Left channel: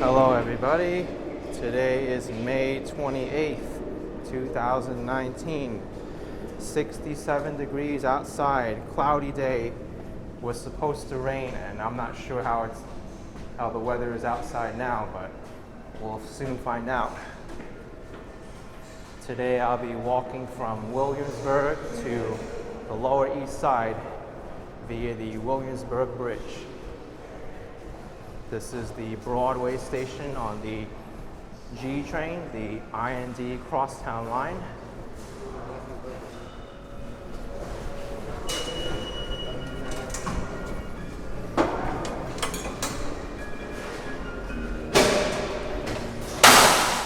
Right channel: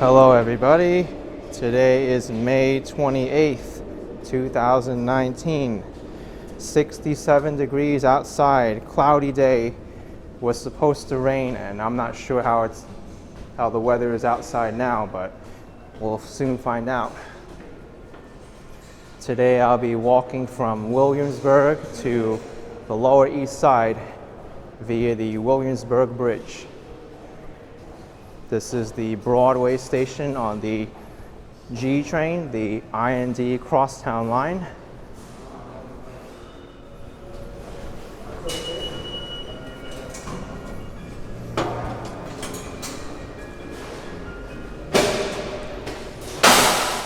Hello everybody, today is May 28th, 2019, 67 degrees outside, cloudy day, was supposed to rain and I'm not sure how the weather is outside now, but we'll soon find out. Today I'll be walking from Williamsburg to the Lower East Side via the Williamsburg Bridge. This is the Broadway station on the G train, the I&D Crosstown line.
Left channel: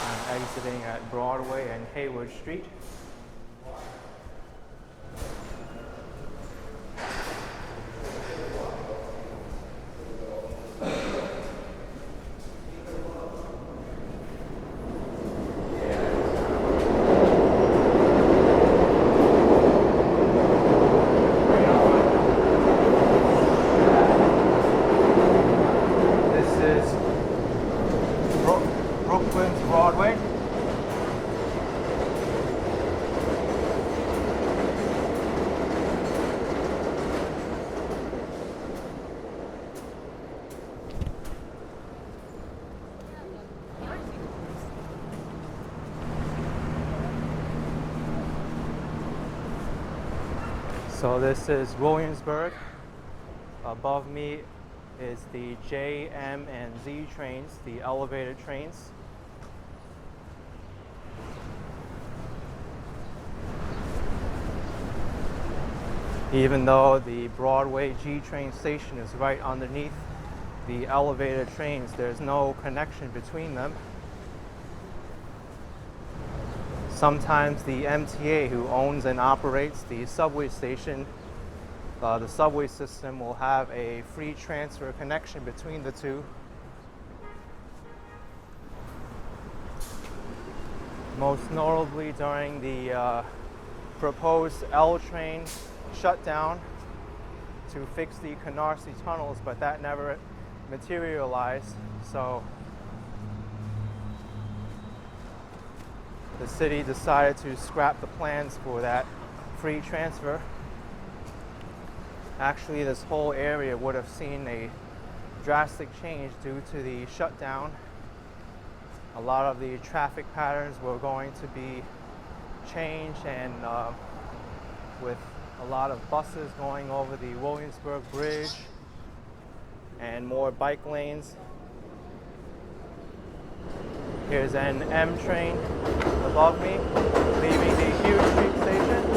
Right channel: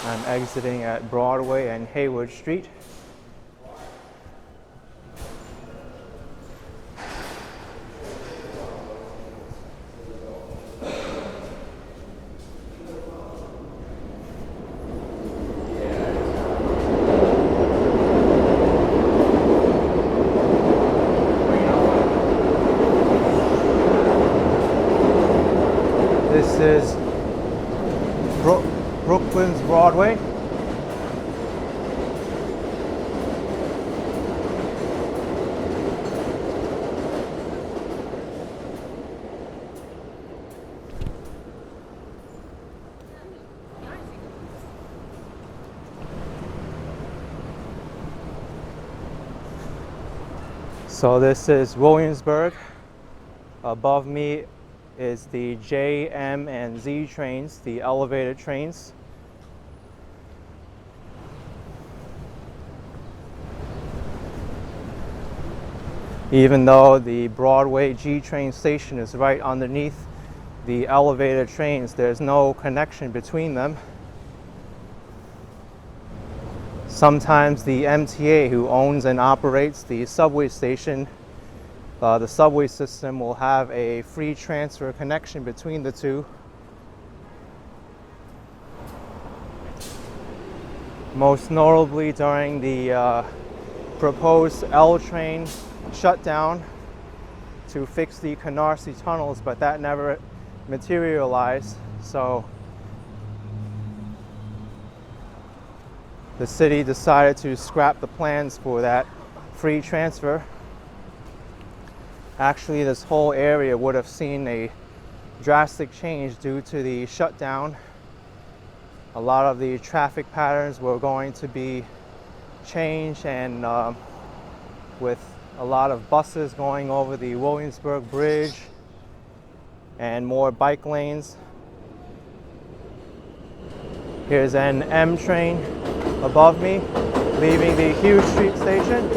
I'm exiting at Broadway and Hewes Street. This is Brooklyn's Broadway. So this is Williamsburg. Above me is the J, M, and Z trains, the elevated trains. Even though the Broadway G train station is right underneath the elevated trains, there's no connection between them. Sometimes the MTA, who owns and operates the subway station, the subway system, will have a free transfer connection between the two. Most notably during the proposed L train shutdown to fix the Canarsie tunnels, but that never materialized. So the city decided to scrap the plans for that free transfer. Actually, this whole area would have seen a drastic change due to the shutdown. A lot of the traffic patterns were going to be changed, and with a lot of buses going over the Williamsburg Bridge and more bike lanes. Here's an M train above me, leaving the Hewes Street station.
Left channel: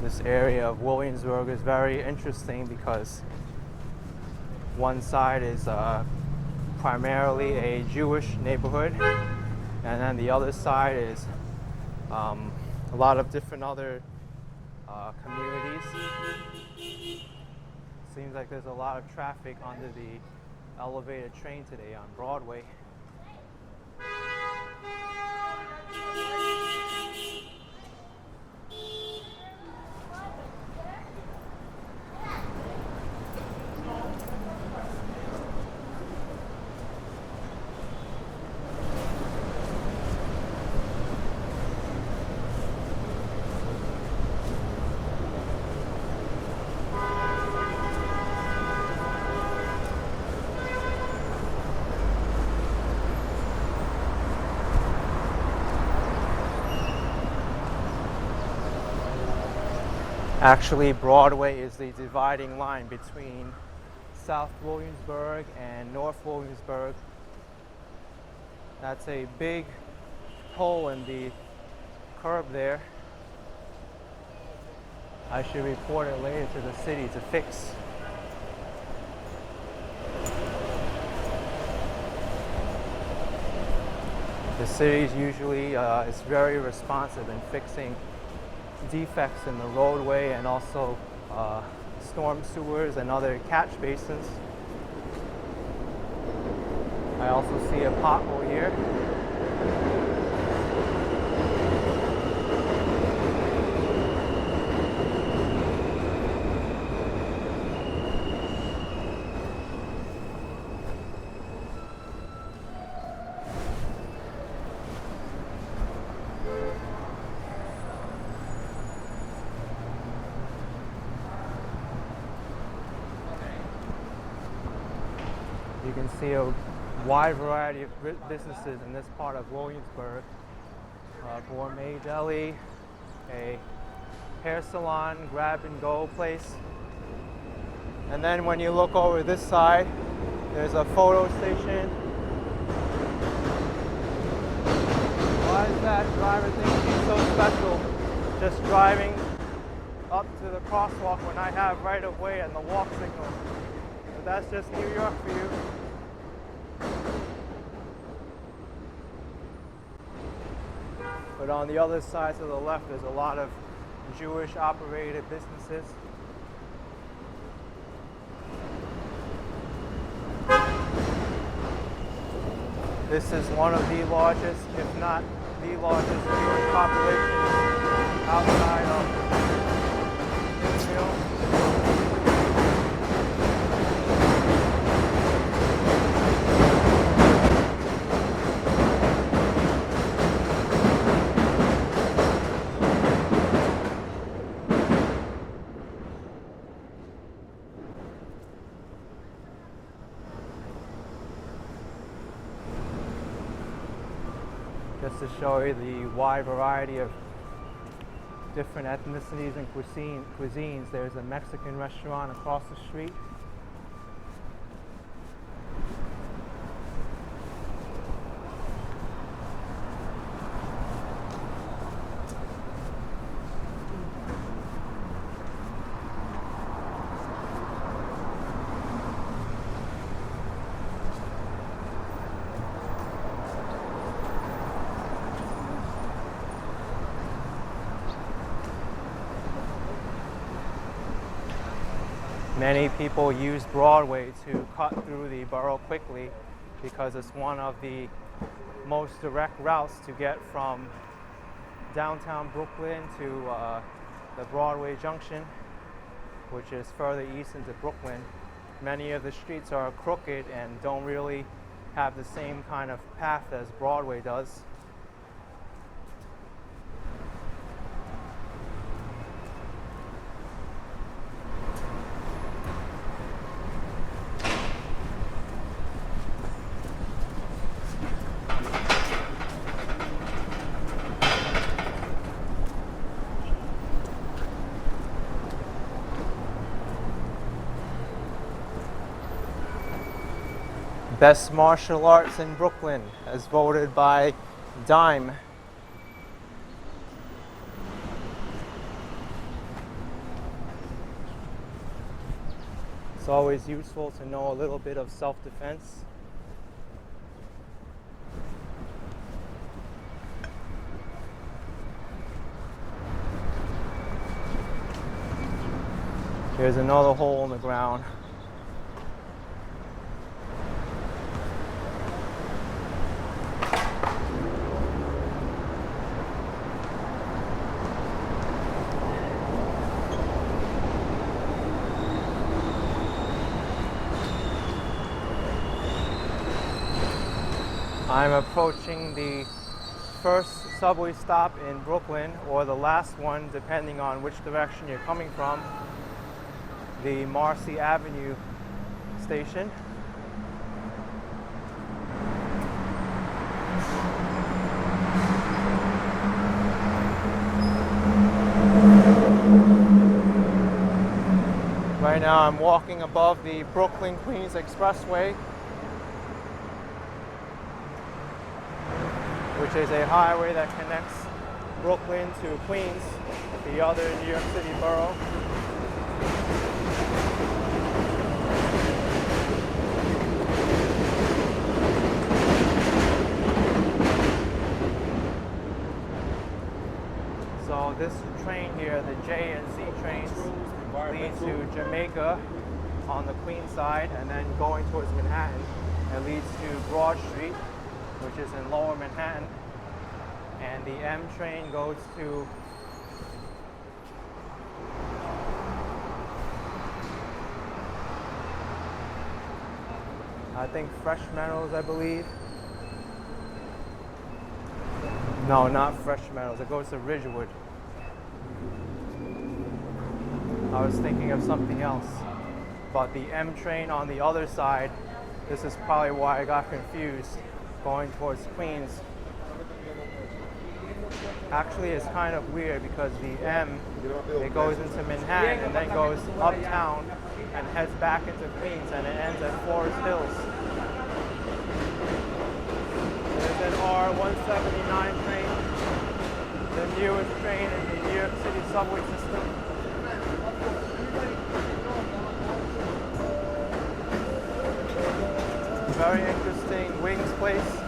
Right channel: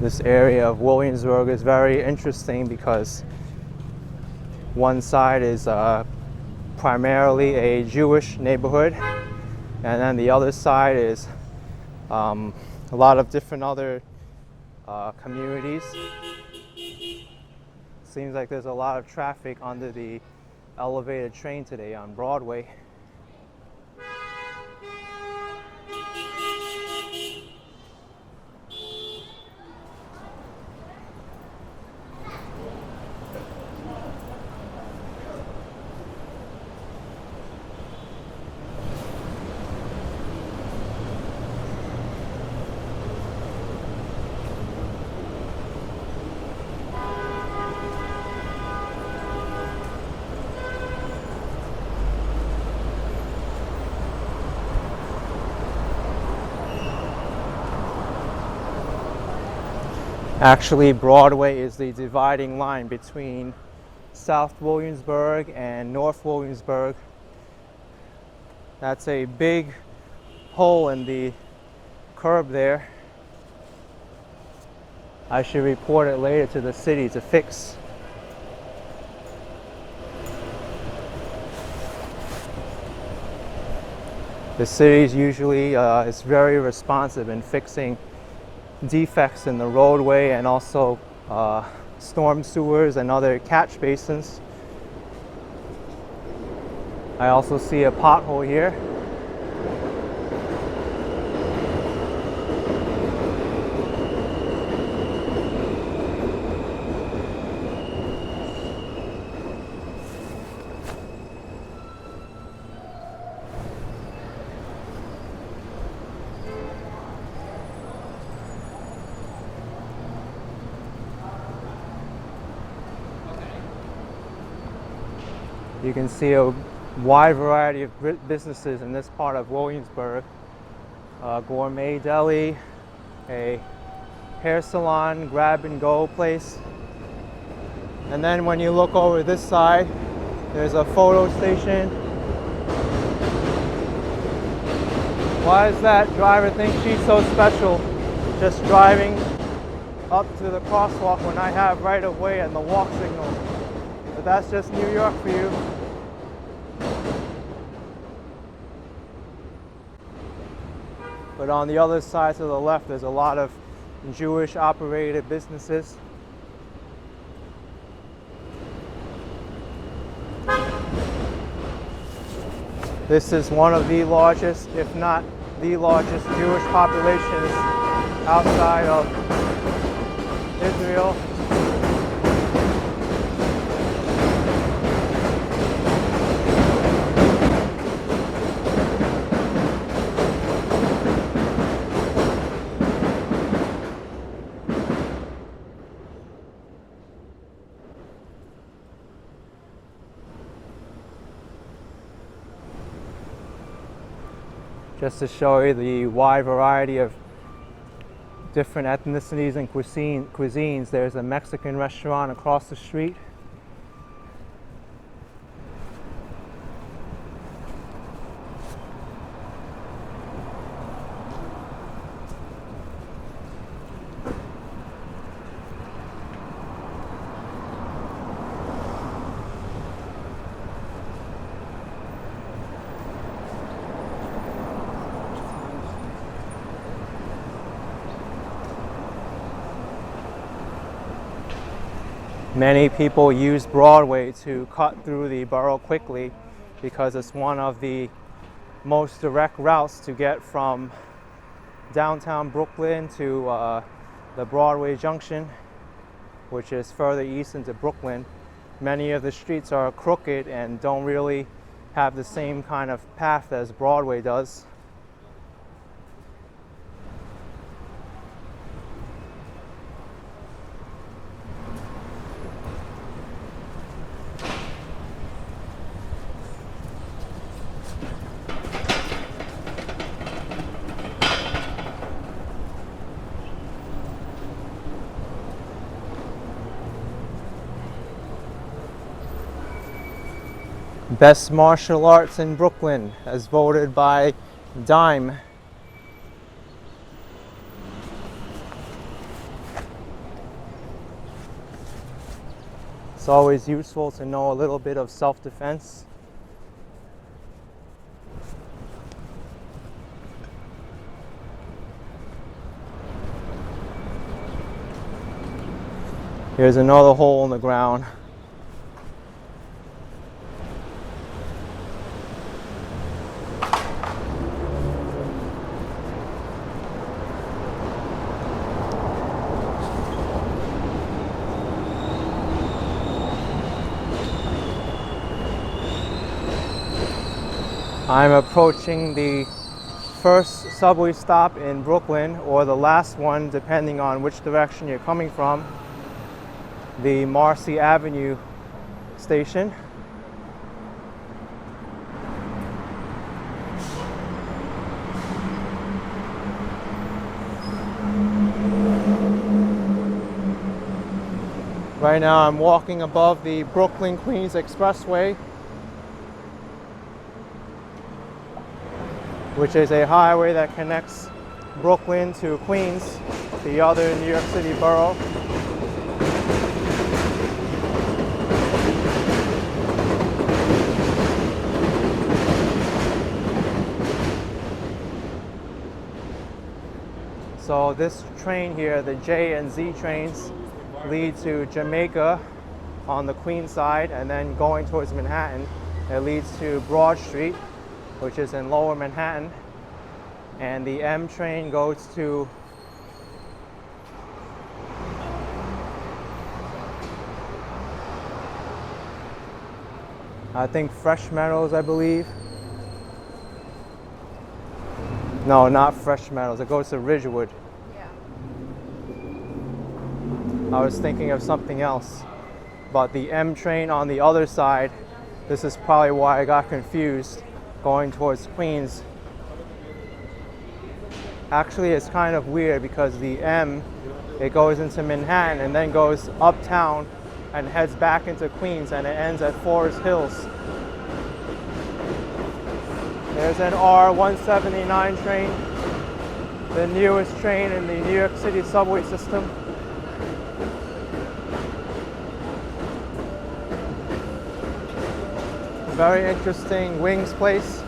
This area of Williamsburg is very interesting because one side is primarily a Jewish neighborhood, and then the other side is a lot of different other communities. Seems like there's a lot of traffic under the elevated train today on Broadway. Actually, Broadway is the dividing line between South Williamsburg and North Williamsburg. That's a big hole in the curb there. I should report it later to the city to fix. The city usually is very responsive in fixing defects in the roadway and also storm sewers and other catch basins. I also see a pothole here. You can see a wide variety of businesses in this part of Williamsburg. A gourmet deli, a hair salon, grab and go place. And then when you look over this side, there's a photo station. Why does that driver think she's so special, just driving up to the crosswalk when I have right of way and the walk signal? But that's just New York for you. But on the other side to the left, there's a lot of Jewish operated businesses. This is one of the largest, if not the largest, Jewish populations outside of Israel. Just to show you the wide variety of different ethnicities and cuisines, there's a Mexican restaurant across the street. Many people use Broadway to cut through the borough quickly because it's one of the most direct routes to get from downtown Brooklyn to the Broadway Junction, which is further east into Brooklyn. Many of the streets are crooked and don't really have the same kind of path as Broadway does. Best martial arts in Brooklyn, as voted by Dime. It's always useful to know a little bit of self-defense. Here's another hole in the ground. I'm approaching the first subway stop in Brooklyn, or the last one depending on which direction you're coming from, the Marcy Avenue station. Right now I'm walking above the Brooklyn-Queens Expressway, which is a highway that connects Brooklyn to Queens, the other New York City borough. So this train here, the J and Z trains, lead to Jamaica on the Queens side, and then going towards Manhattan, it leads to Broad Street, which is in Lower Manhattan, and the M train goes to I think Fresh Meadows, I believe. No, not Fresh Meadows. It goes to Ridgewood. I was thinking of something else. But the M train on the other side, this is probably why I got confused, going towards Queens. Actually, it's kind of weird because the M, it goes into Manhattan and then goes uptown and heads back into Queens, and it ends at Forest Hills. There's an R179 train, the newest train in the New York City subway system. Very interesting wings place.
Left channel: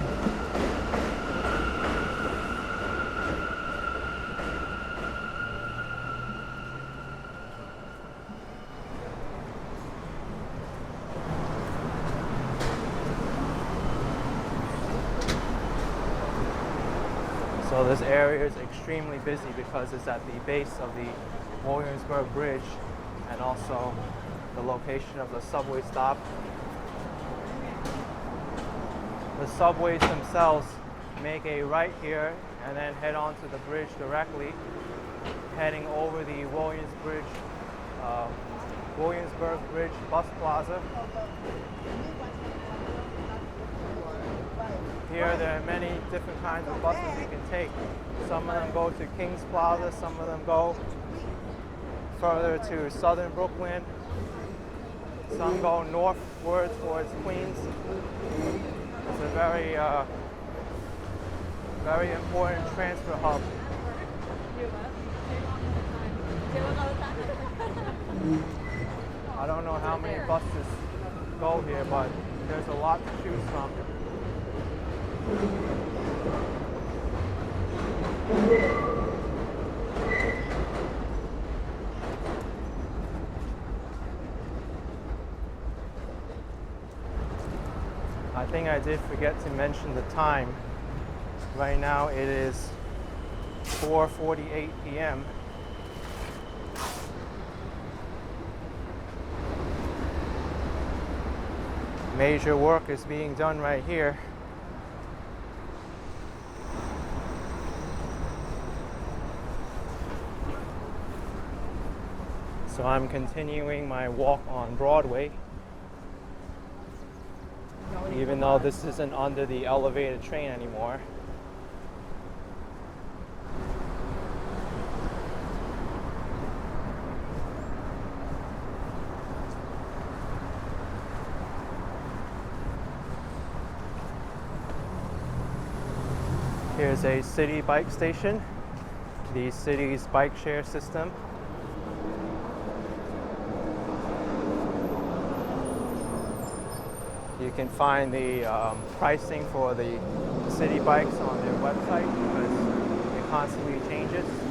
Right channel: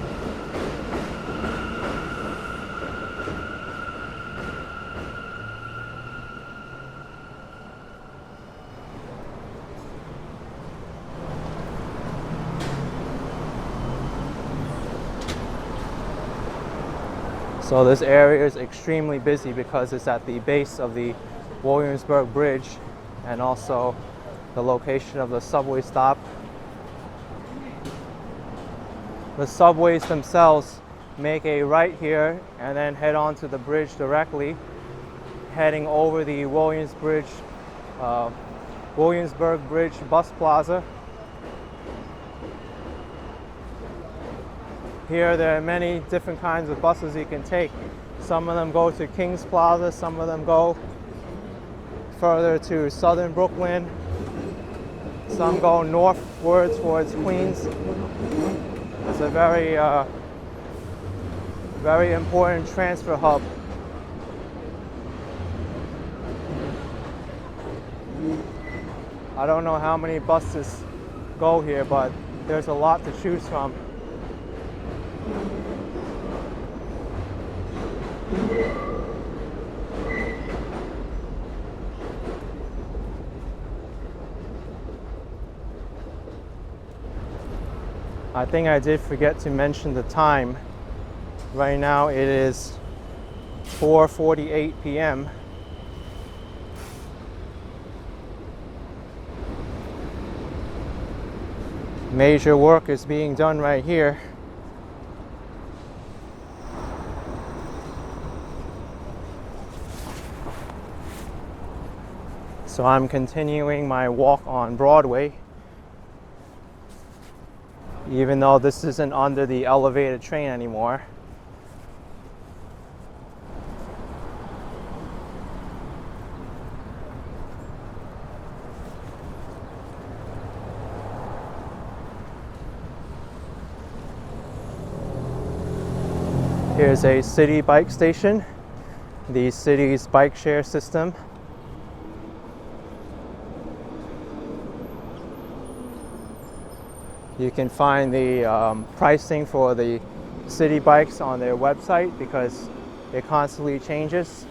So this area is extremely busy because it's at the base of the Williamsburg Bridge and also the location of the subway stop. The subways themselves make a right here and then head on to the bridge directly, heading over the Williamsburg Bridge bus plaza. Here there are many different kinds of buses you can take. Some of them go to King's Plaza, some of them go further to southern Brooklyn, some go northward towards Queens. It's a very, very important transfer hub. I don't know how many buses go here, but there's a lot to choose from. I think I did forget to mention the time. Right now it is 4:48 p.m. Major work is being done right here. So I'm continuing my walk on Broadway, even though this isn't under the elevated train anymore. Here's a city bike station, the city's bike share system. You can find the pricing for the city bikes on their website because it constantly changes.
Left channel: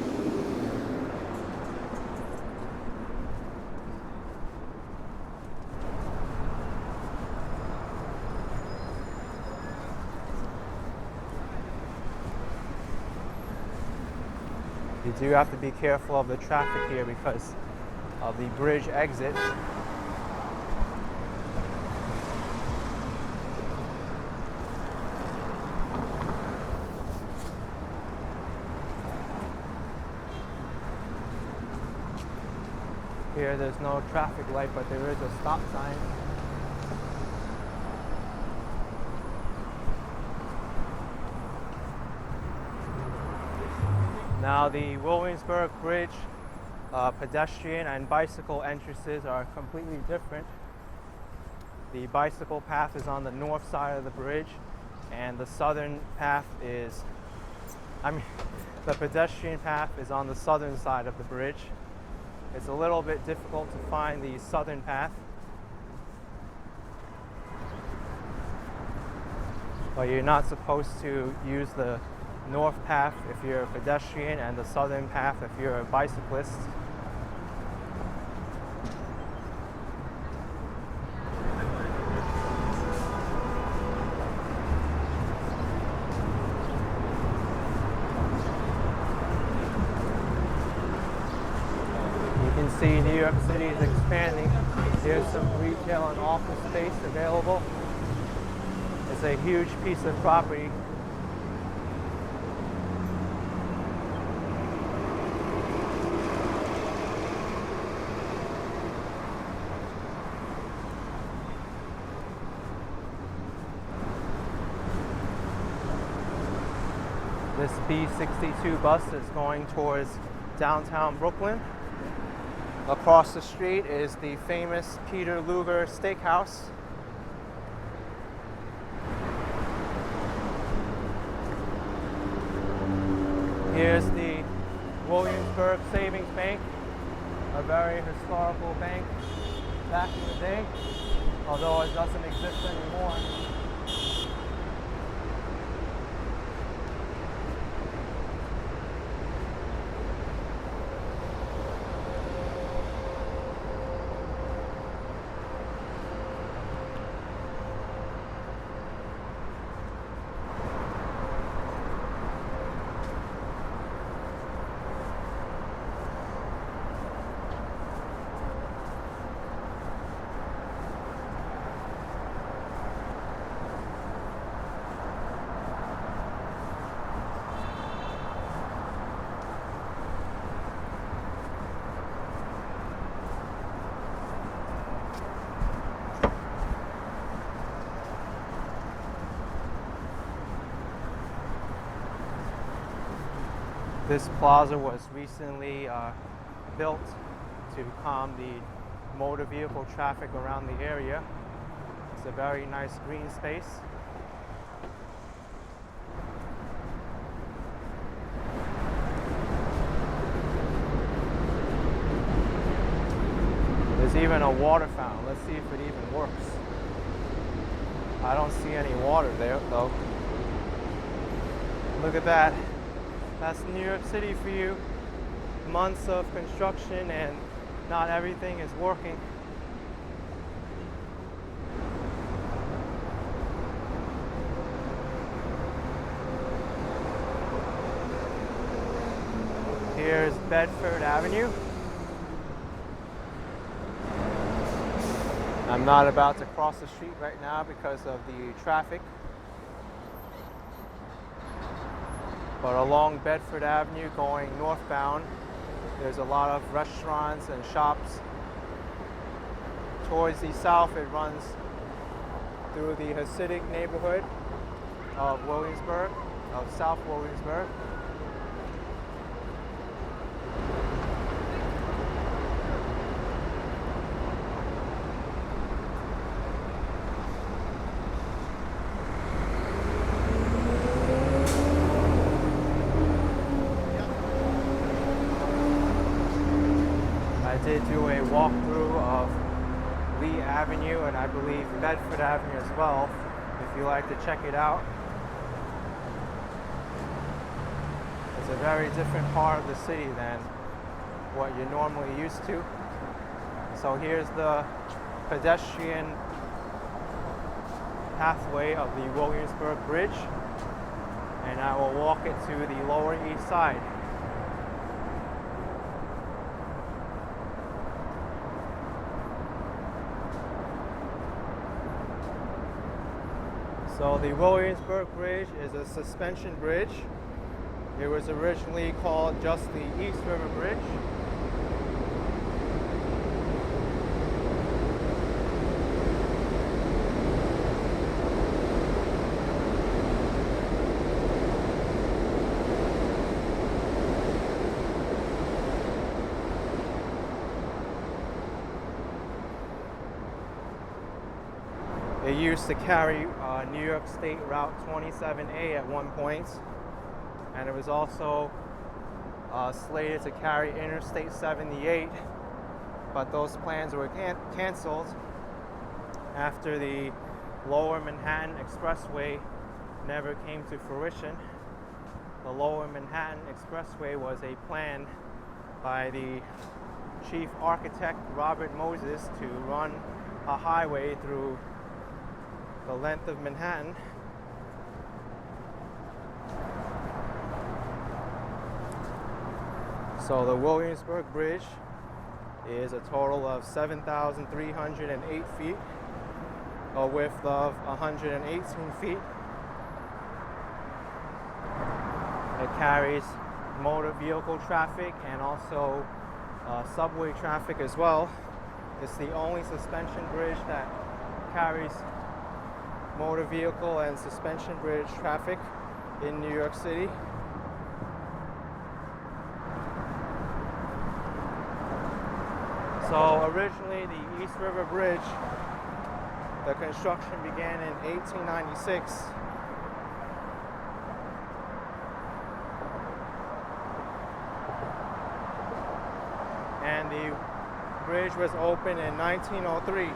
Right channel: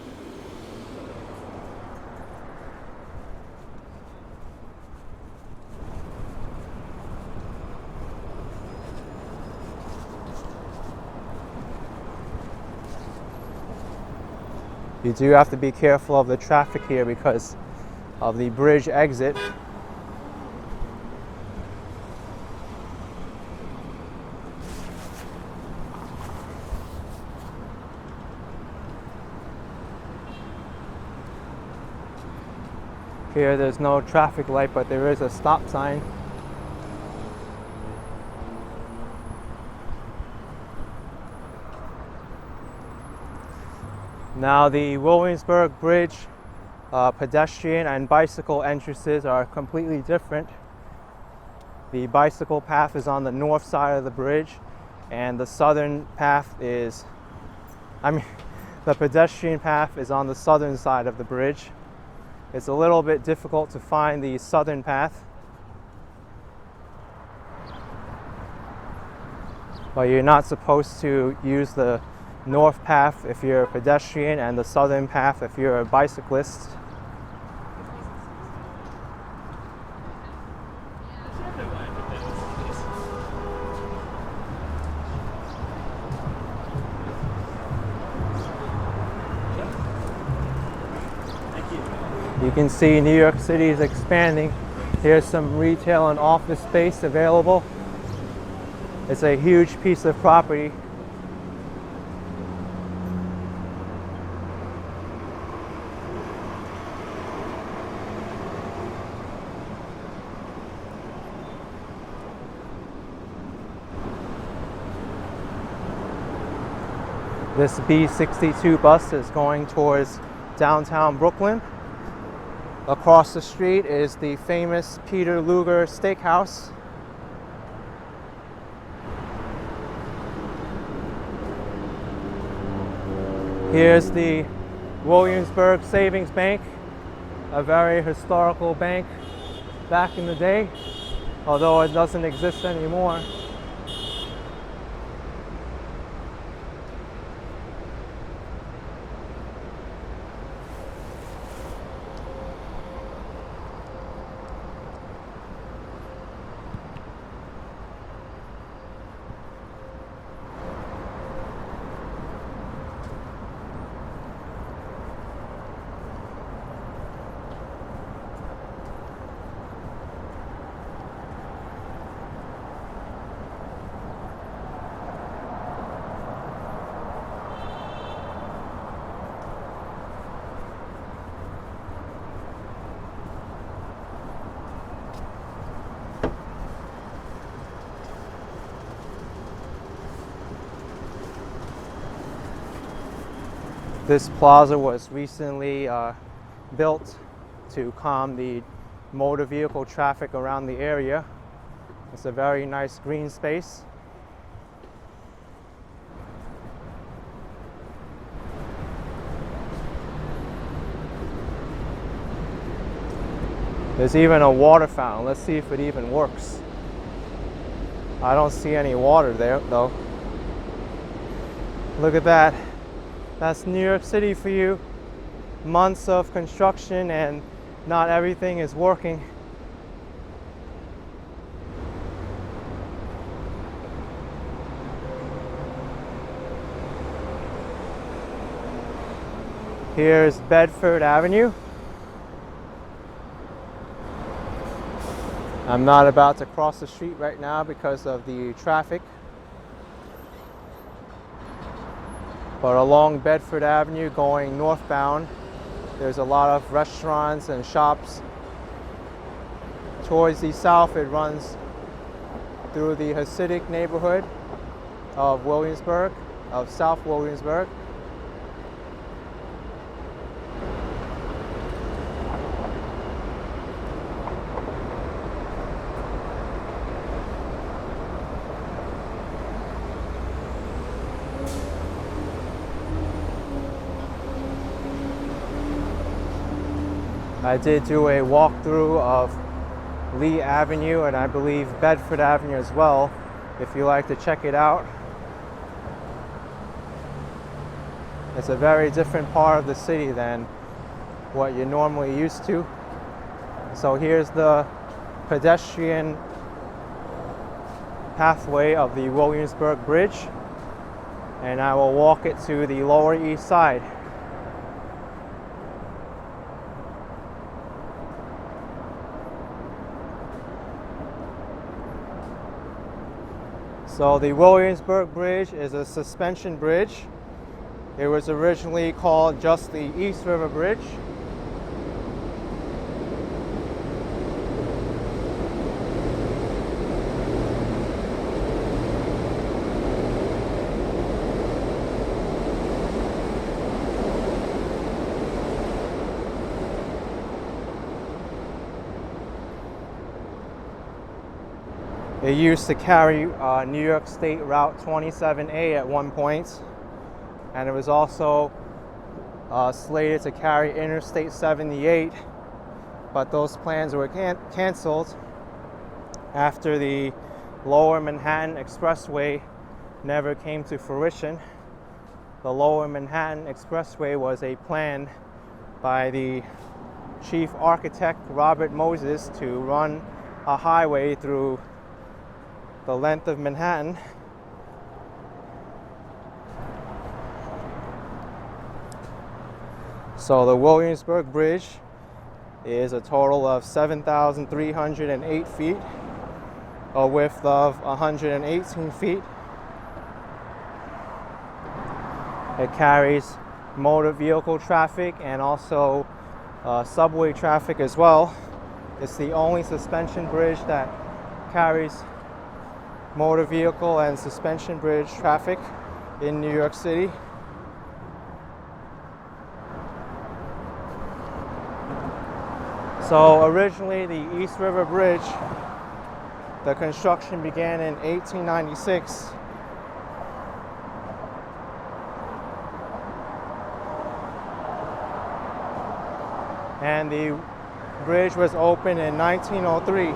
You do have to be careful of the traffic here because of the bridge exit. Here there's no traffic light, but there is a stop sign. Now the Williamsburg Bridge pedestrian and bicycle entrances are completely different. The bicycle path is on the north side of the bridge, and the southern path is, the pedestrian path is on the southern side of the bridge. It's a little bit difficult to find the southern path, but you're not supposed to use the north path if you're a pedestrian and the southern path if you're a bicyclist. You can see New York City is expanding. Here's some retail and office space available. It's a huge piece of property. This B62 bus is going towards downtown Brooklyn. Across the street is the famous Peter Luger Steakhouse. Here's the Williamsburg Savings Bank, a very historical bank back in the day, although it doesn't exist anymore. This plaza was recently built to calm the motor vehicle traffic around the area. It's a very nice green space. There's even a water fountain. Let's see if it even works. I don't see any water there though. Look at that. That's New York City for you. Months of construction and not everything is working. Here's Bedford Avenue. I'm not about to cross the street right now because of the traffic. But along Bedford Avenue going northbound, there's a lot of restaurants and shops. Towards the south, it runs through the Hasidic neighborhood of Williamsburg, of South Williamsburg. I did do a walkthrough of Lee Avenue and I believe Bedford Avenue as well, if you like to check it out. It's a very different part of the city than what you're normally used to. So here's the pedestrian pathway of the Williamsburg Bridge, and I will walk it to the Lower East Side. So the Williamsburg Bridge is a suspension bridge. It was originally called just the East River Bridge. It used to carry New York State Route 27A at one point, and it was also slated to carry Interstate 78, but those plans were canceled after the Lower Manhattan Expressway never came to fruition. the Lower Manhattan Expressway was a plan by the chief architect, Robert Moses, to run a highway through the length of Manhattan. So the Williamsburg Bridge is a total of 7,308 feet, a width of 118 feet. It carries motor vehicle traffic and also subway traffic as well. It's the only suspension bridge that carries motor vehicle and suspension bridge traffic in New York City. So originally the East River Bridge, the construction began in 1896. And the bridge was opened in 1903.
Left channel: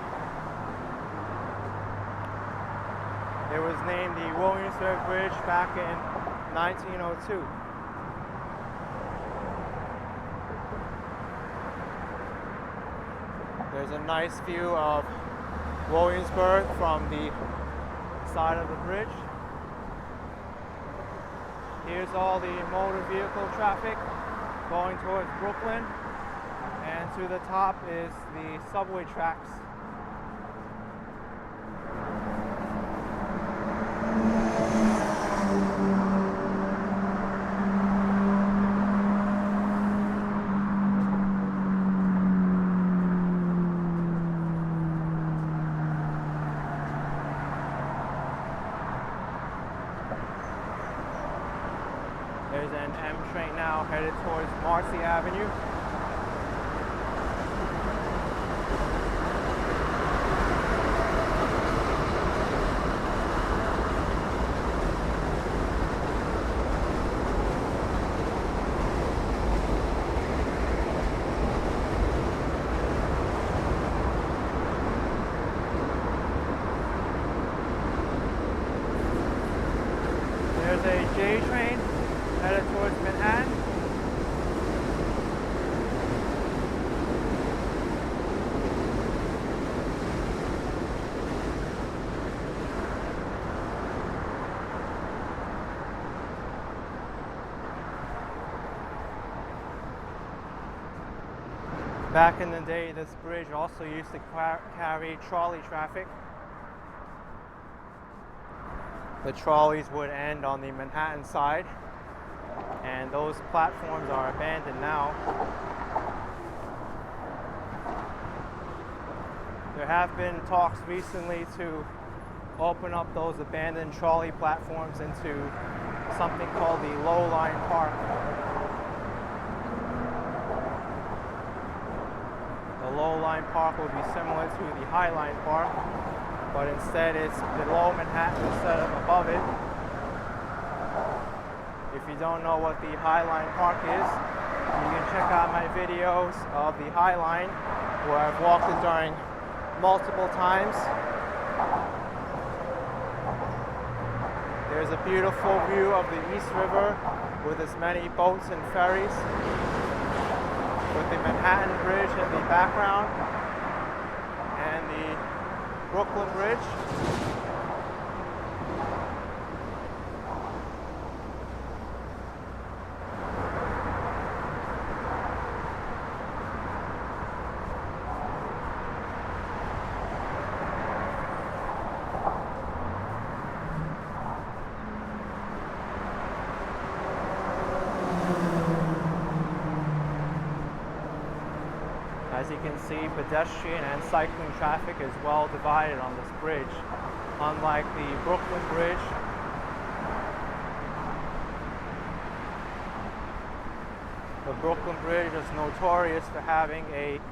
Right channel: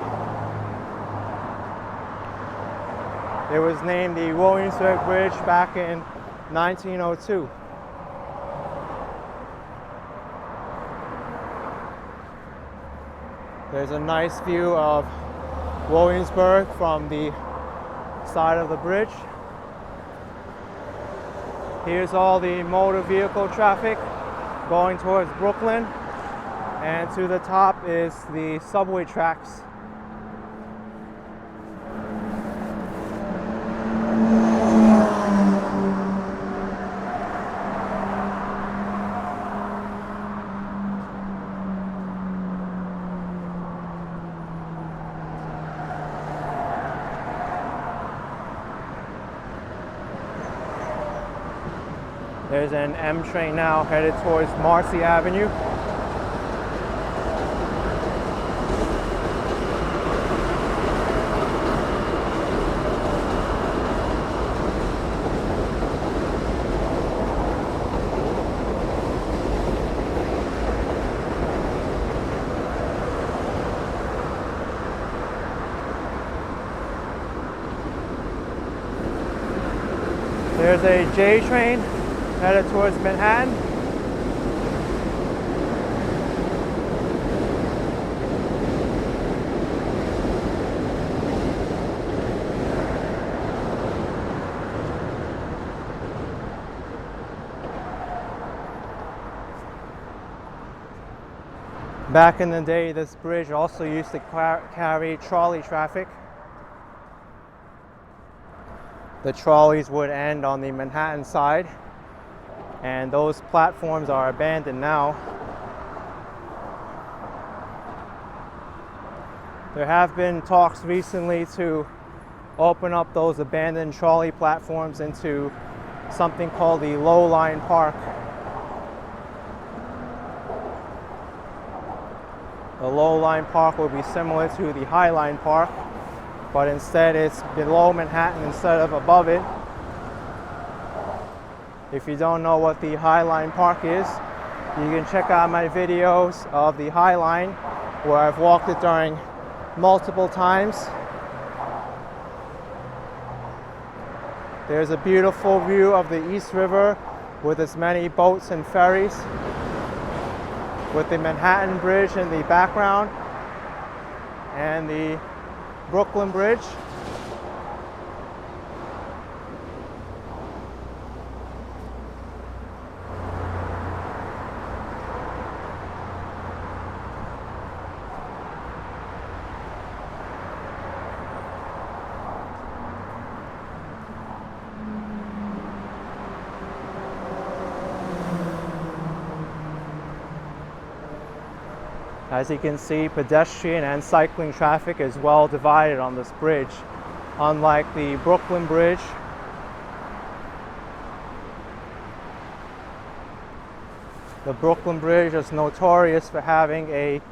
It was named the Williamsburg Bridge back in 1902. There's a nice view of Williamsburg from the side of the bridge. Here's all the motor vehicle traffic going towards Brooklyn, and to the top is the subway tracks. There's an M train now headed towards Marcy Avenue. There's a J train headed towards Manhattan. Back in the day, this bridge also used to carry trolley traffic. The trolleys would end on the Manhattan side, and those platforms are abandoned now. There have been talks recently to open up those abandoned trolley platforms into something called the low-line park. The low-line park will be similar to the high-line park, but instead it's below Manhattan instead of above it. If you don't know what the High Line Park is, you can check out my videos of the High Line, where I've walked it during multiple times. There's a beautiful view of the East River with as many boats and ferries, with the Manhattan Bridge in the background and the Brooklyn Bridge. As you can see, pedestrian and cycling traffic is well divided on this bridge. Unlike the Brooklyn Bridge, the Brooklyn Bridge is notorious for having a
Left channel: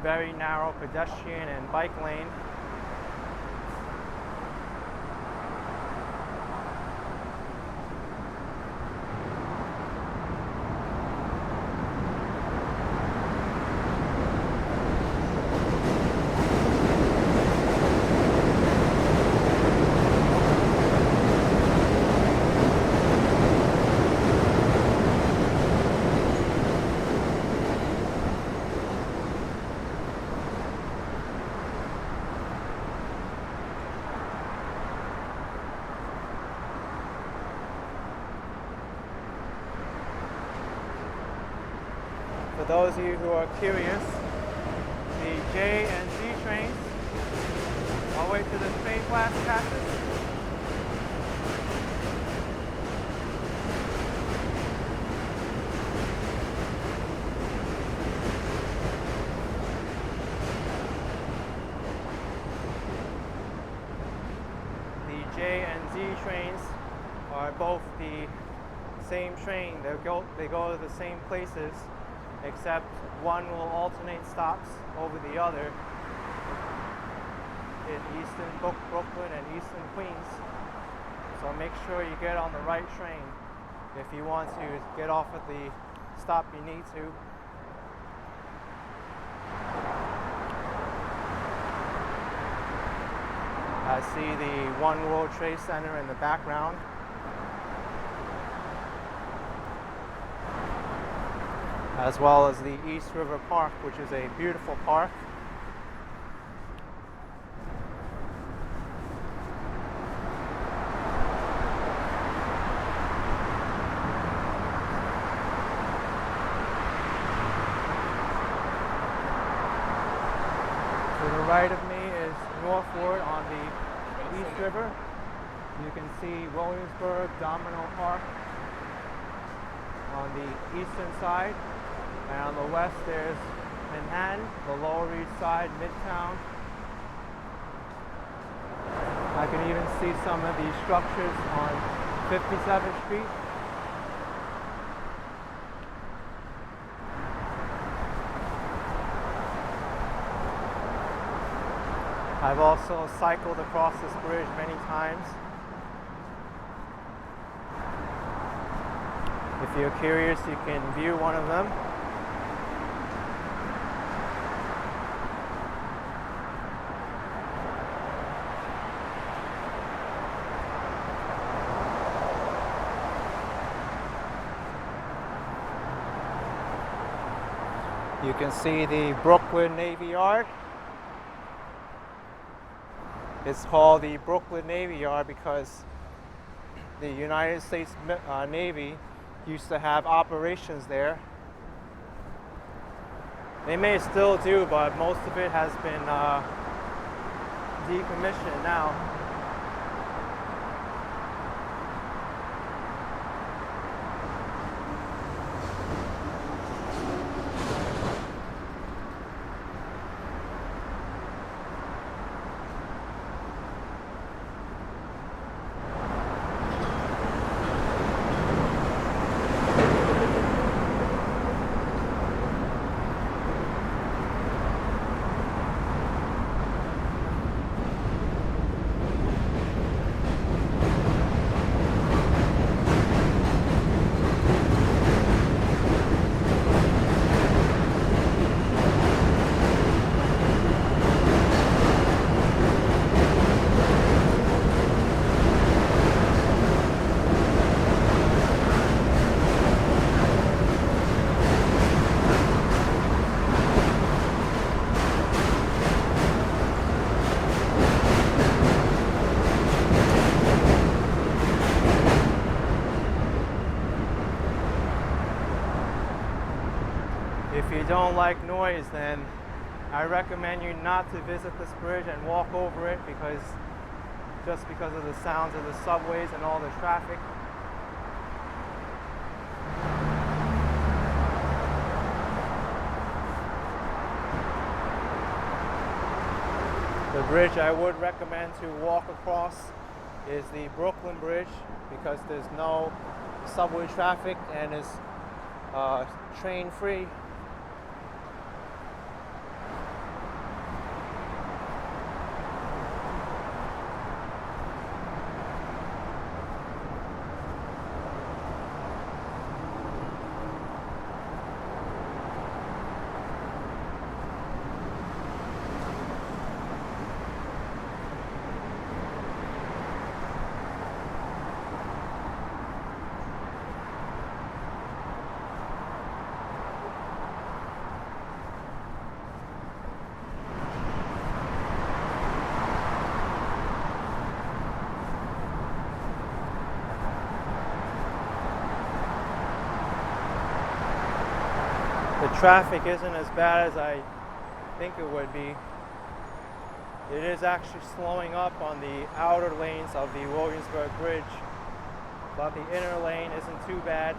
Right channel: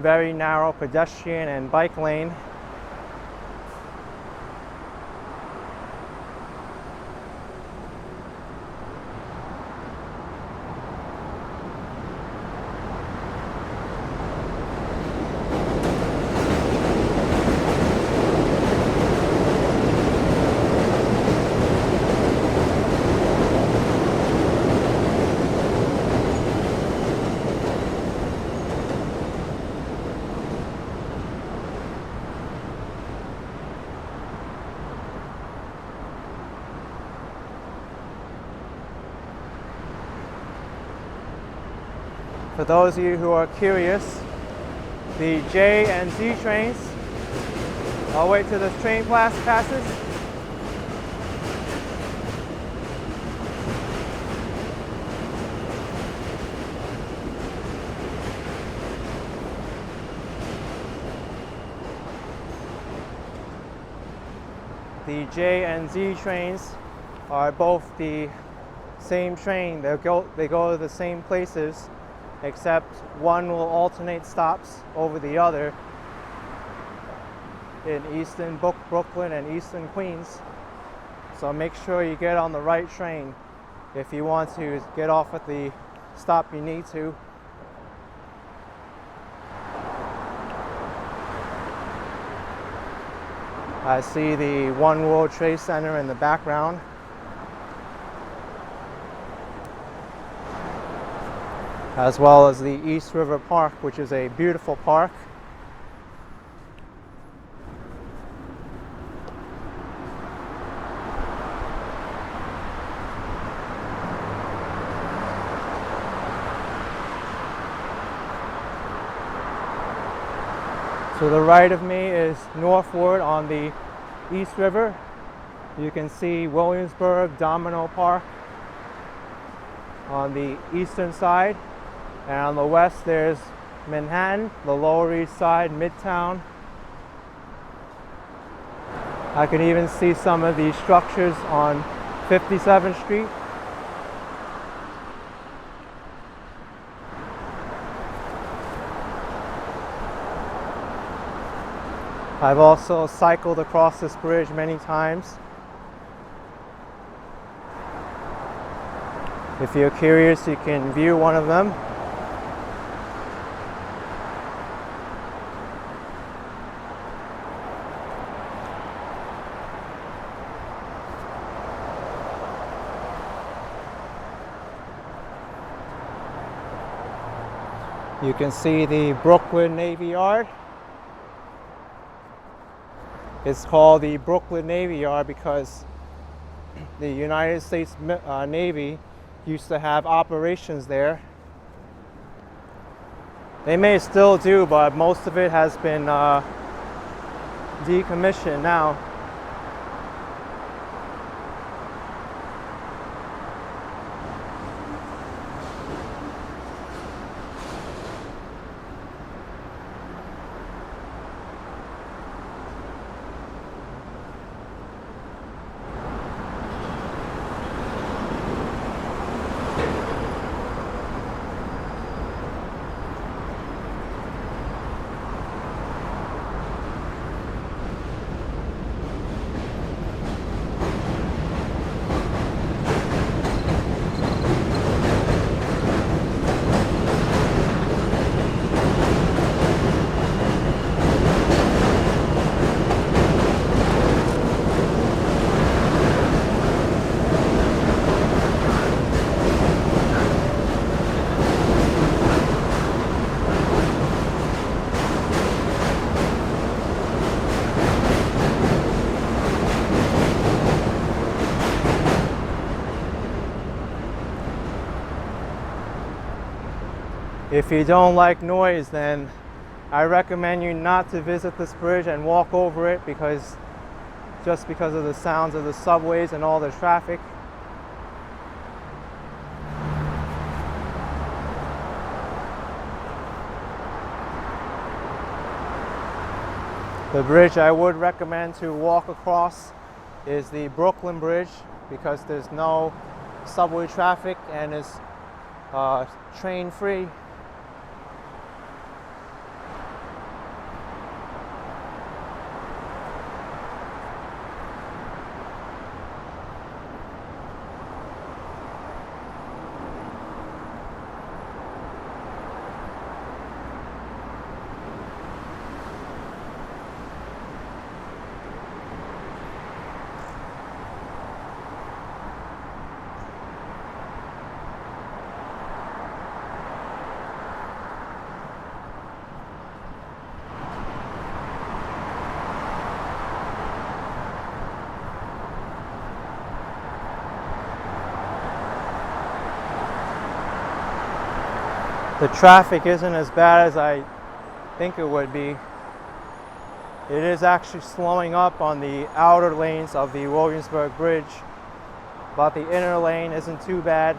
very narrow pedestrian and bike lane. For those of you who are curious, the J and Z trains all the way to the train passes. The J and Z trains are both the same train. They go to the same places, except one will alternate stops over the other in Eastern Brooklyn and Eastern Queens. So make sure you get on the right train if you want to get off at the stop you need to. I see the One World Trade Center in the background. As well as the East River Park, which is a beautiful park. To the right of me is northward on the East River. You can see Williamsburg, Domino Park on the eastern side. And on the west there's Manhattan, the Lower East Side, Midtown. I can even see some of these structures on 57th Street. I've also cycled across this bridge many times. If you're curious, you can view one of them. You can see the Brooklyn Navy Yard. It's called the Brooklyn Navy Yard because the United States Navy used to have operations there. They may still do, but most of it has been decommissioned now. If you don't like noise, then I recommend you not to visit this bridge and walk over it just because of the sounds of the subways and all the traffic. The bridge I would recommend to walk across is the Brooklyn Bridge because there's no subway traffic and it's train free. The traffic isn't as bad as I think it would be. It is actually slowing up on the outer lanes of the Williamsburg Bridge, but the inner lane isn't too bad.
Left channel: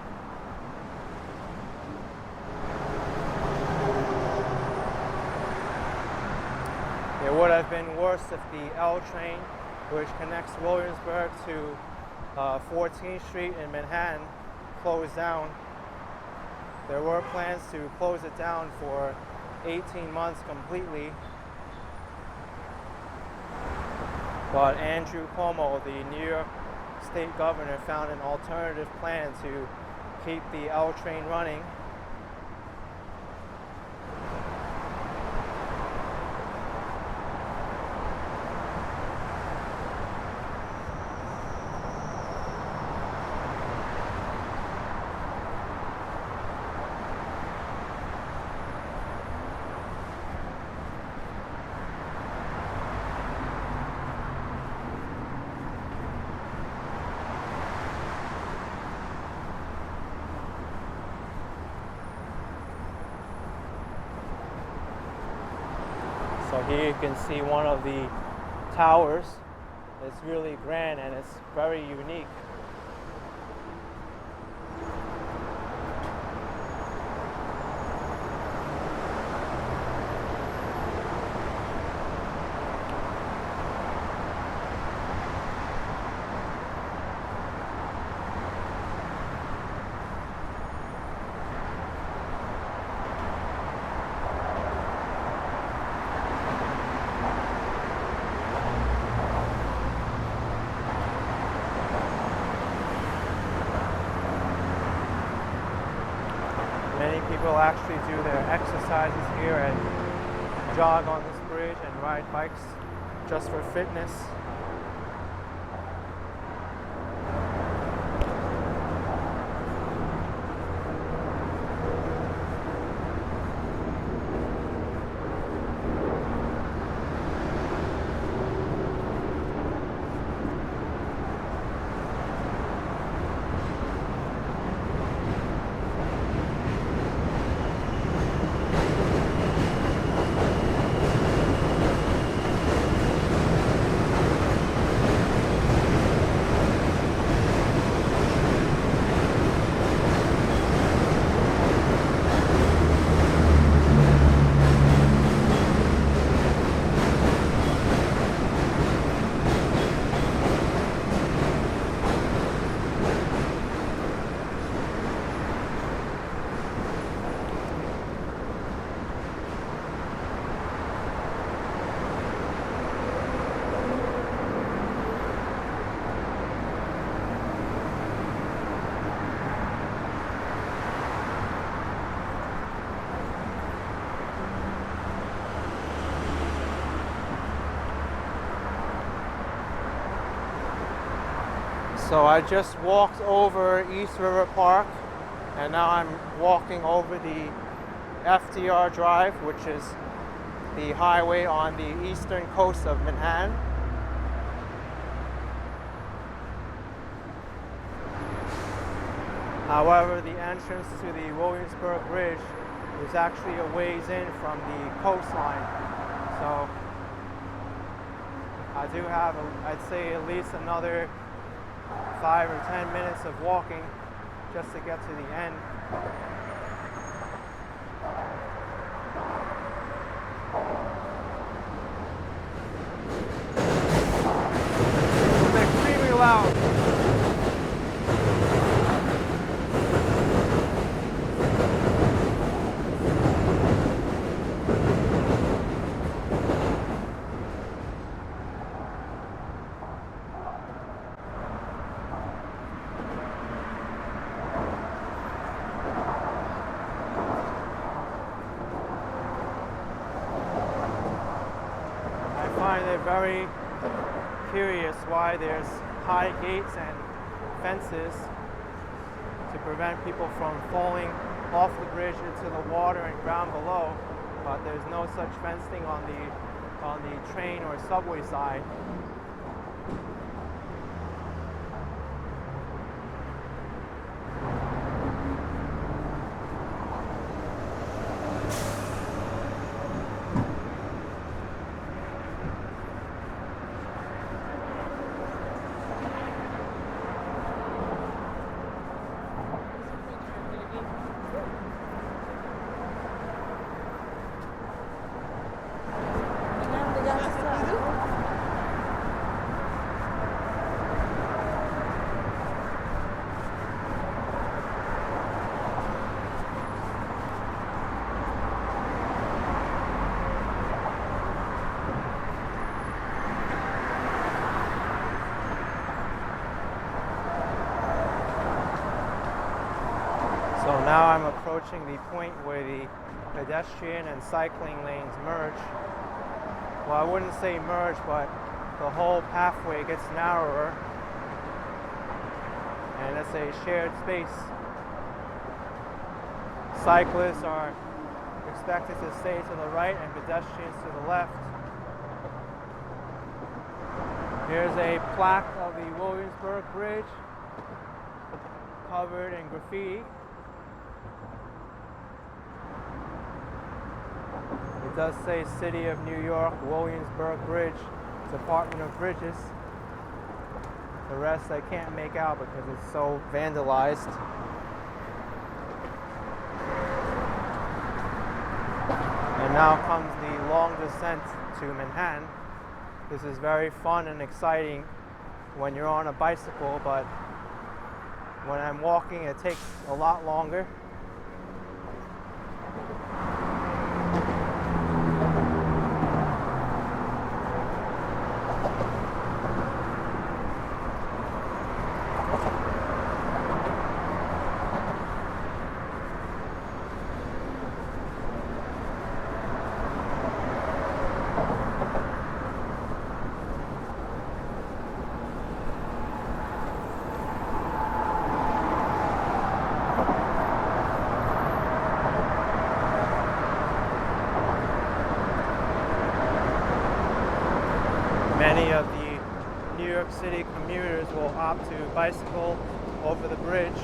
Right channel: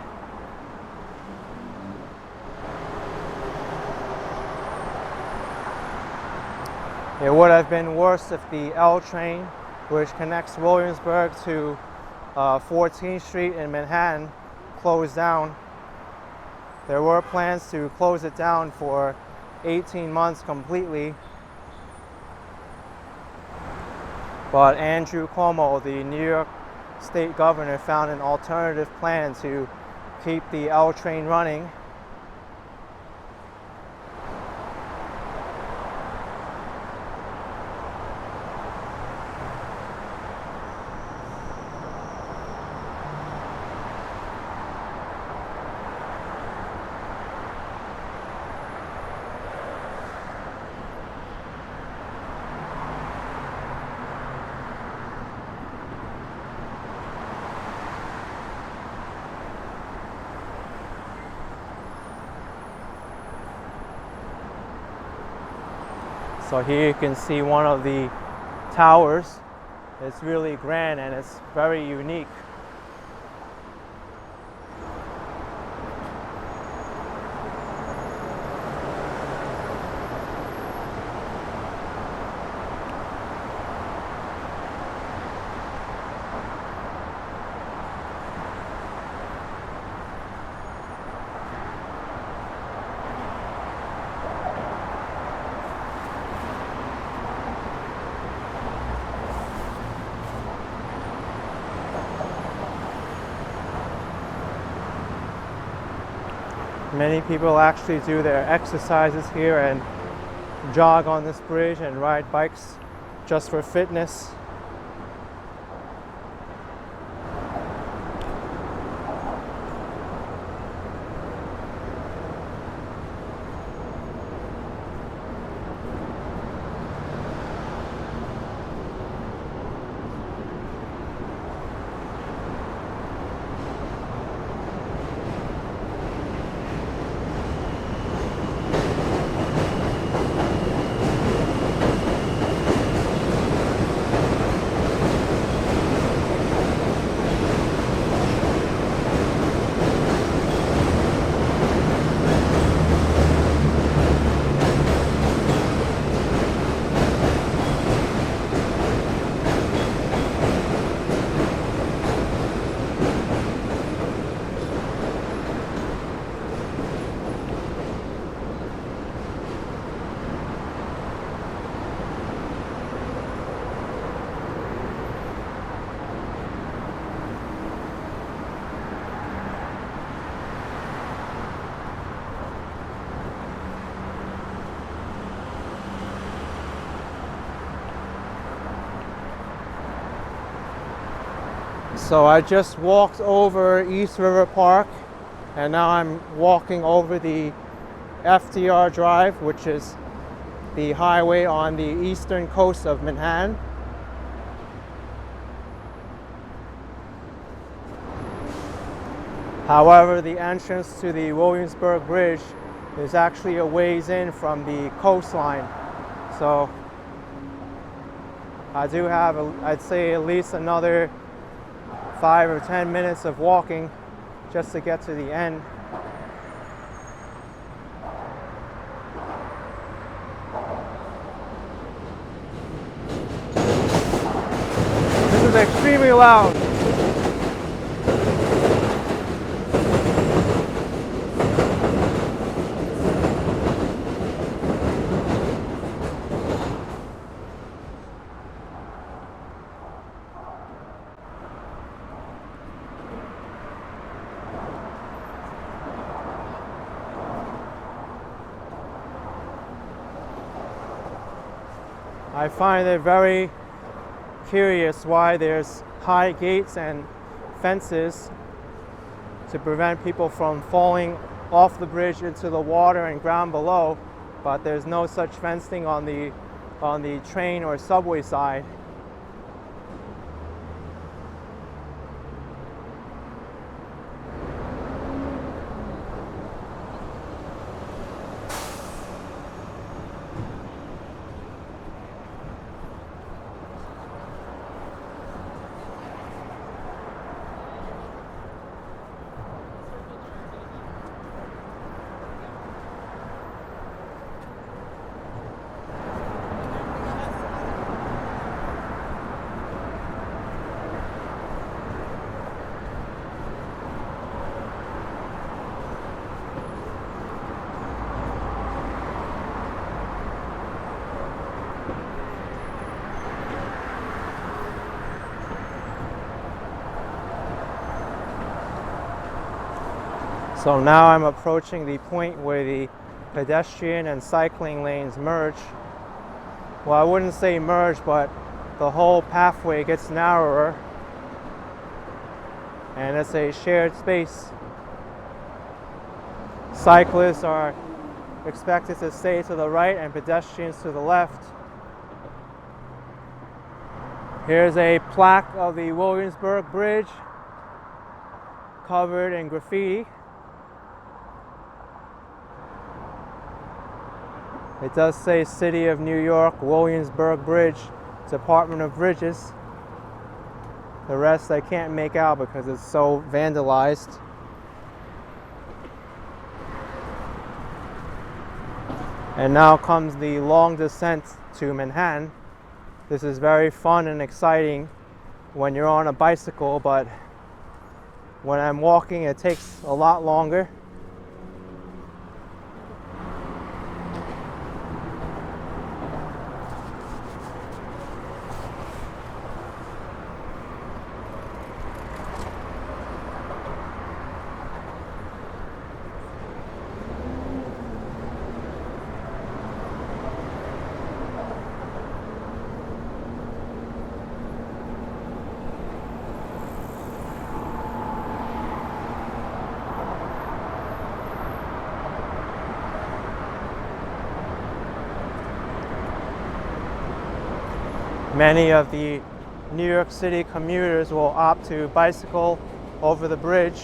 It would have been worse if the L train, which connects Williamsburg to 14th Street in Manhattan, closed down. There were plans to close it down for 18 months completely, but Andrew Cuomo, the New York State governor, found an alternative plan to keep the L train running. So here you can see one of the towers. It's really grand and it's very unique. Many people actually do their exercises here and jog on this bridge and ride bikes just for fitness. So I just walked over East River Park and now I'm walking over the FDR Drive, which is the highway on the eastern coast of Manhattan. However, the entrance to the Williamsburg Bridge is actually a ways in from the coastline. So I do have, I'd say, at least another 5 or 10 minutes of walking just to get to the end. This is extremely loud. I find it very curious why there's high gates and fences to prevent people from falling off the bridge into the water and ground below, but there's no such fencing on the train or subway side. So now I'm approaching the point where the pedestrian and cycling lanes merge. Well, I wouldn't say merge, but the whole pathway gets narrower, and it's a shared space. Cyclists are expected to stay to the right and pedestrians to the left. Here's a plaque of the Williamsburg Bridge covered in graffiti. It does say City of New York, Williamsburg Bridge, Department of Bridges. The rest I can't make out because it's so vandalized. And now comes the long descent to Manhattan. This is very fun and exciting when you're on a bicycle, but when I'm walking it takes a lot longer. Many of the New York City commuters will opt to bicycle over the bridge.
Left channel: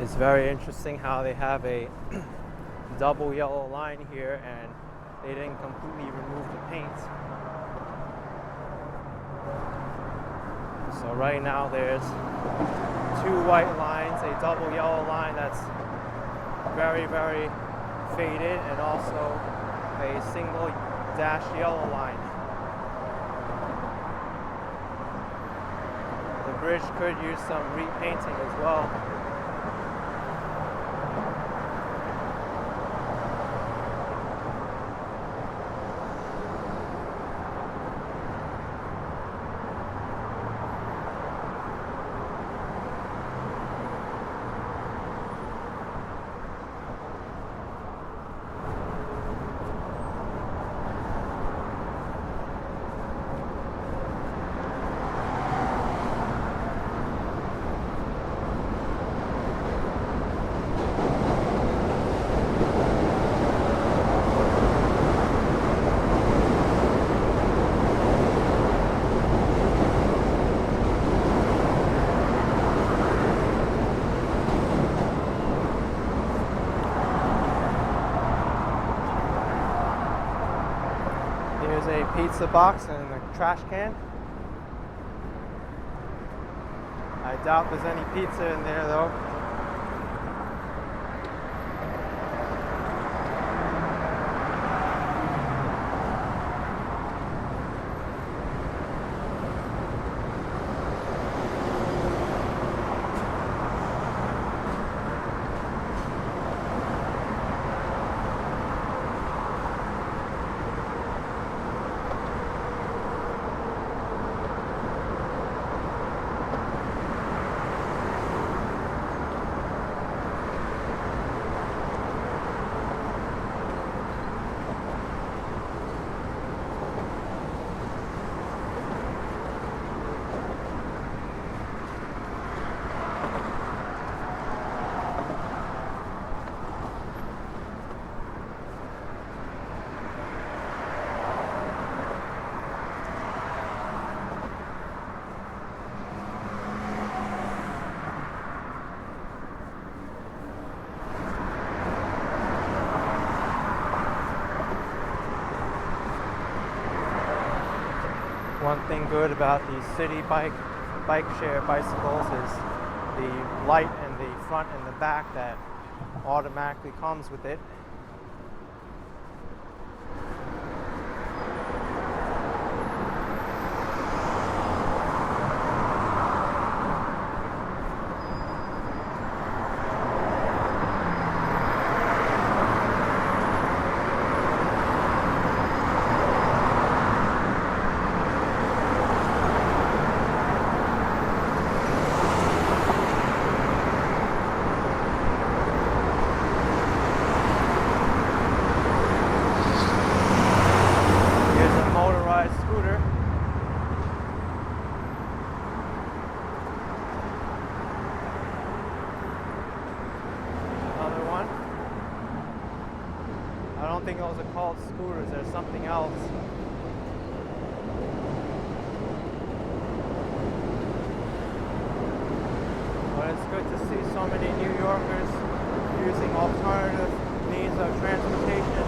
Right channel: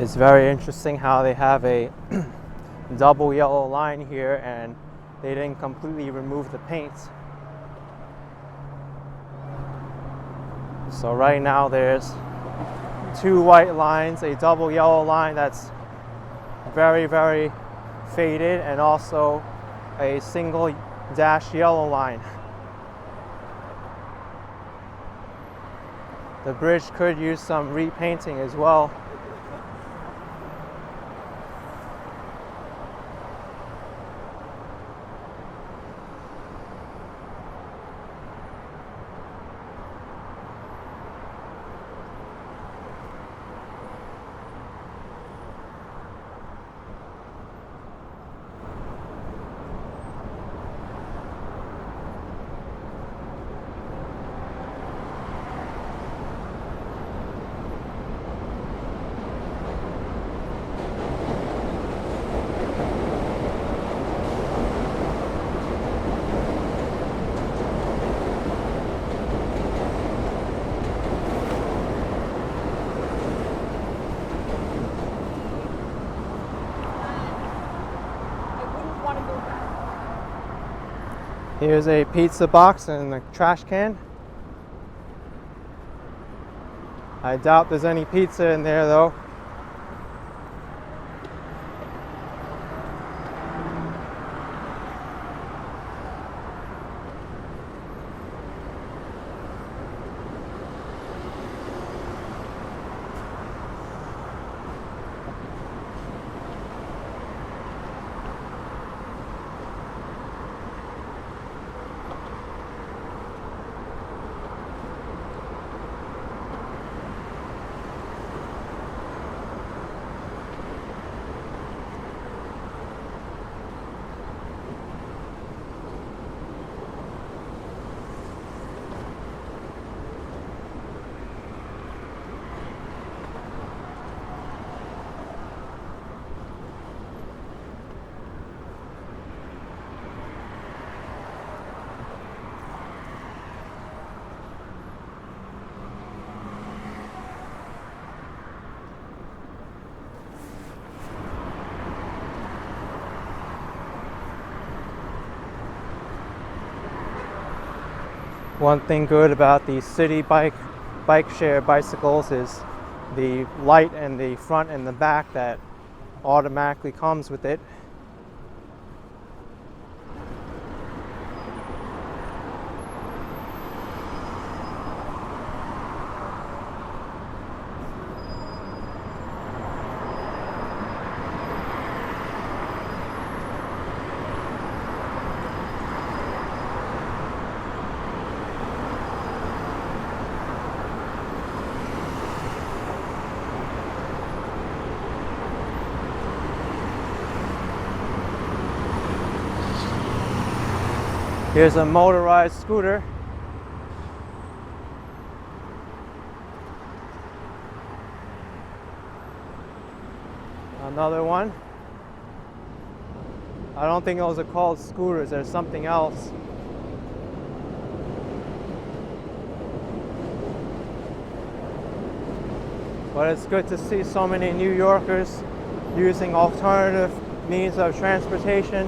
It's very interesting how they have a double yellow line here and they didn't completely remove the paint. So right now there's two white lines, a double yellow line that's very, very faded, and also a single dash yellow line. The bridge could use some repainting as well. Here's a pizza box and a trash can. I doubt there's any pizza in there though. One thing good about the city bike share bicycles is the light in the front and the back that automatically comes with it. Here's a motorized scooter. Another one. I don't think those are called scooters, there's something else. But it's good to see so many New Yorkers using alternative means of transportation.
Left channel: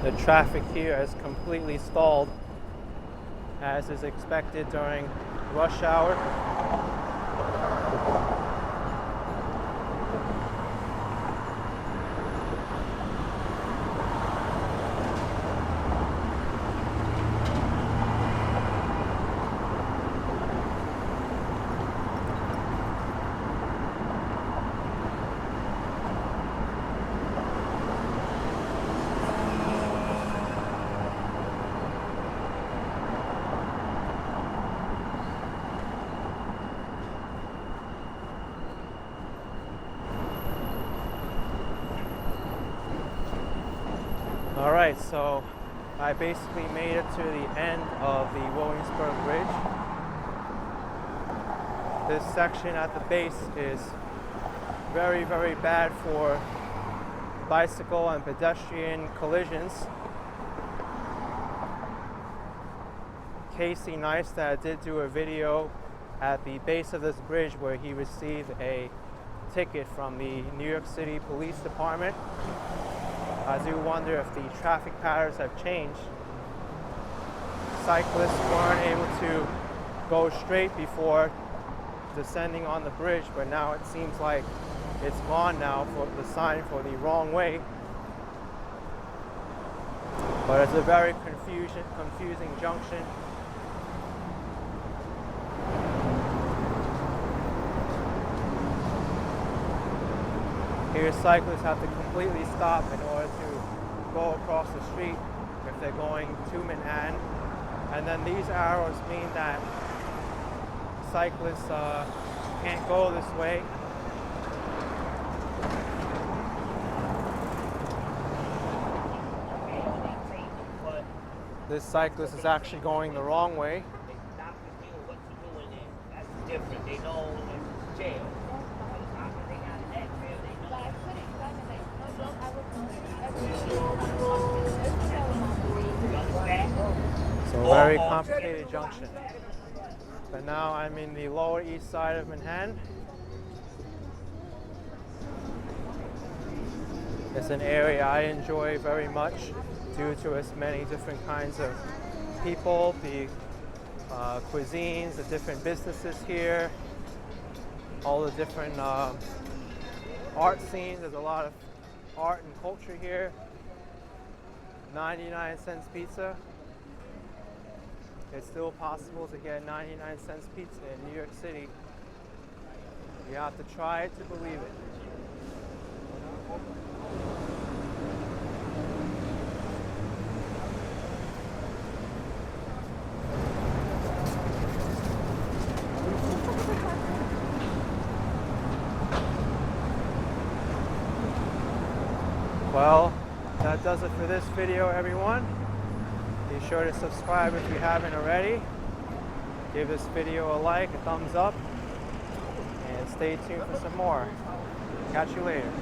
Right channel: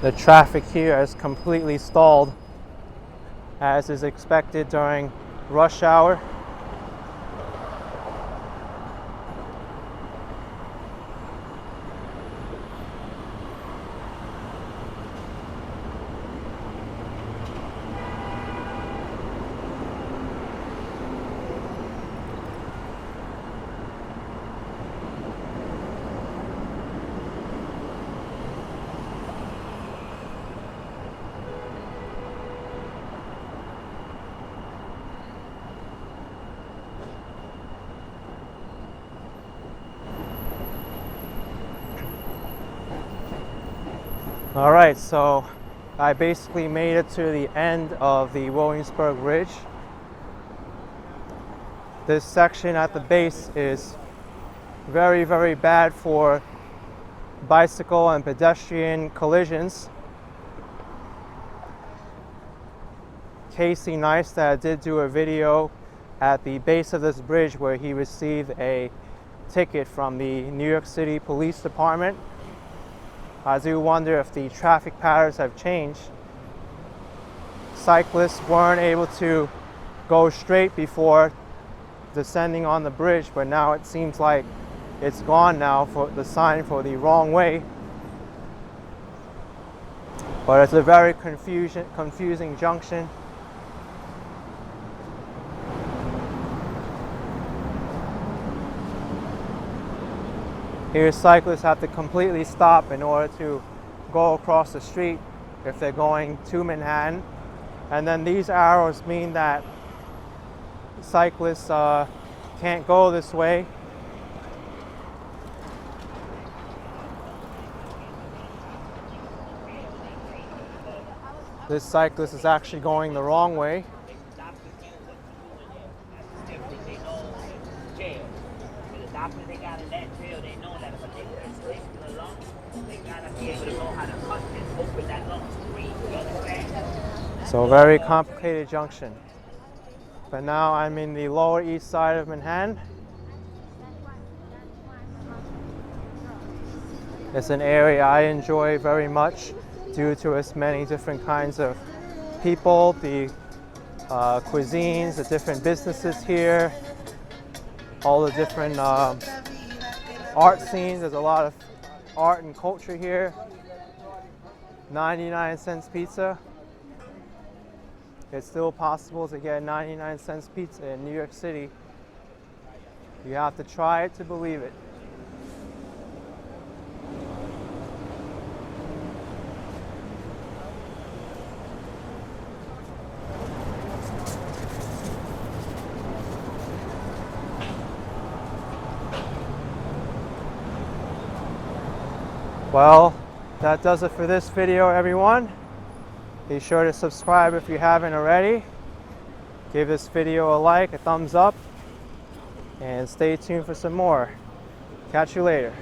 The traffic here is completely stalled, as is expected during rush hour. All right, so I basically made it to the end of the Williamsburg Bridge. This section at the base is very, very bad for bicycle and pedestrian collisions. Casey Neistat did do a video at the base of this bridge where he received a ticket from the New York City Police Department. I do wonder if the traffic patterns have changed. Cyclists weren't able to go straight before descending on the bridge, but now it seems like it's gone now for the sign for the wrong way. But it's a very confusing junction. Here, cyclists have to completely stop in order to go across the street if they're going to Manhattan. And then these arrows mean that cyclists can't go this way. This cyclist is actually going the wrong way. So very complicated junction. But now I'm in the Lower East Side of Manhattan. It's an area I enjoy very much due to its many different kinds of people, the cuisines, the different businesses here, all the different art scenes. There's a lot of art and culture here. 99-cent pizza. It's still possible to get 99-cent pizza in New York City. You have to try it to believe it. Well, that does it for this video, everyone. Be sure to subscribe if you haven't already. Give this video a like, a thumbs up, and stay tuned for some more. Catch you later.